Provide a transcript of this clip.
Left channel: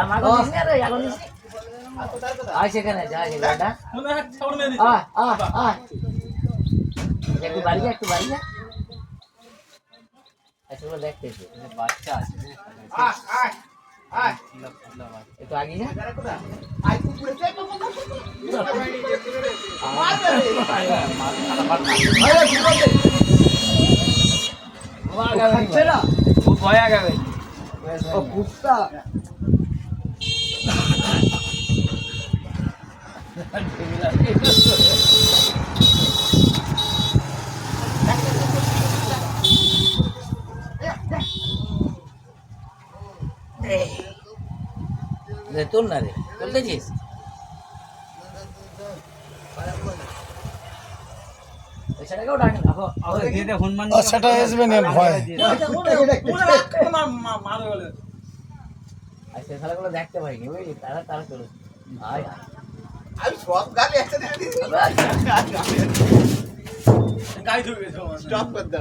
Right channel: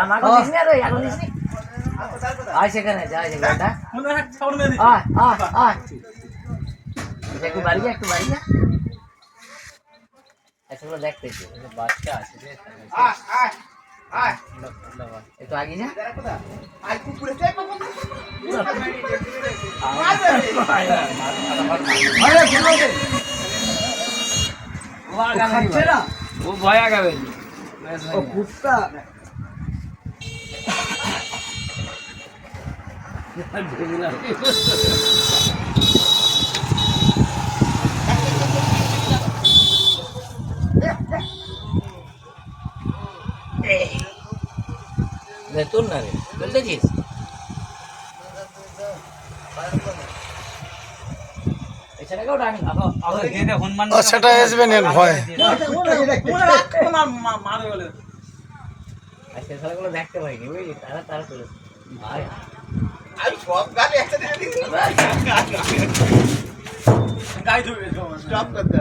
আমাকে দিস না রে এখন দিস নি আয় সেখানে যাই সেখানটা আয় আয় আয় একটু বাড়ি যা এসবগুলো দেখতেছি বাচ্চা আছে একটু আগে যা খুব ভয় আগাবে ও কুত্তা তোর না রে বলতেছিস সেটা আসবে না ভয় আজকের খেলাগুলো দেখতে পাইনি বুঝলি তারা করে ভাই আমি সব গালে একসাথে দিয়ে দিই গাই ধরবে স্টপ করতে